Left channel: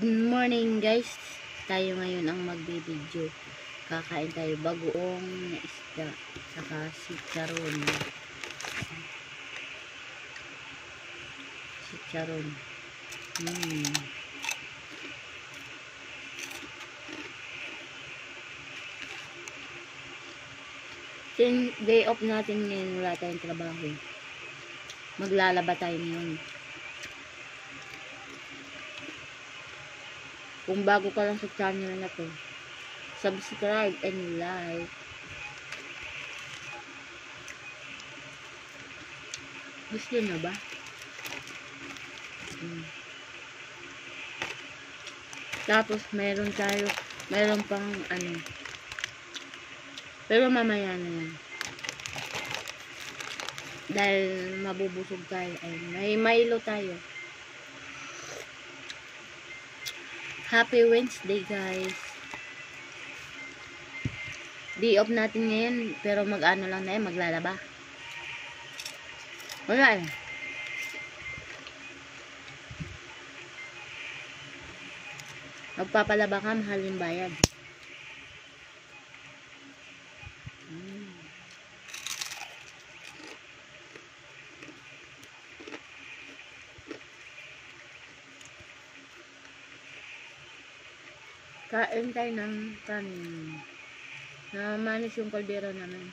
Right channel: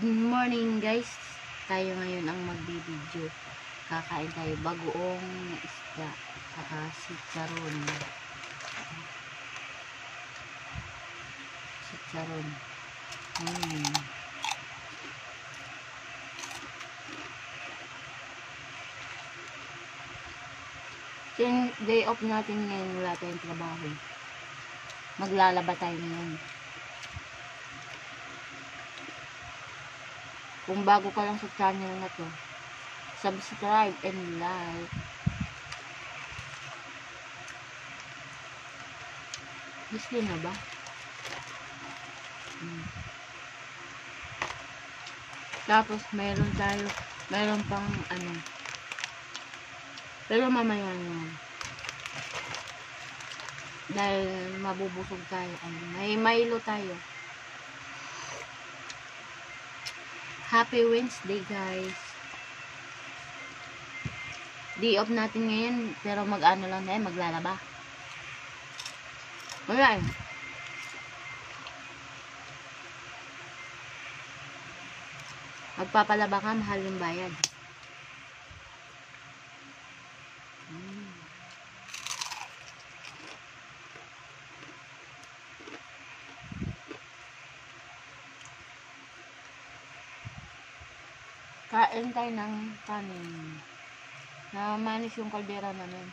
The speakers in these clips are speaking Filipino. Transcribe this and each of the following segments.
Good morning guys. Tayo ngayon ang magbibideo. Kakain tayo bagoong na isda saka chicharon. Chicharon. Day off natin ngayon, wala tayong trabaho. Maglalaba tayo ngayon. Kung bago ka lang sa channel na to, subscribe and like. Gusto na ba? Tapos meron pang ano, pero mamaya na yan. Dahil mabubusog tayo, ay may Milo tayo. Happy Wednesday guys. Day off natin ngayon, pero mag-ano lang na yan, maglalaba. Wala eh. Magpapalaba ka, mahal yung bayad. Kain tayo ng kanin. Namanis yung kaldera namin.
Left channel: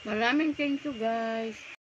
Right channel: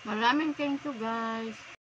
Maraming thank you guys.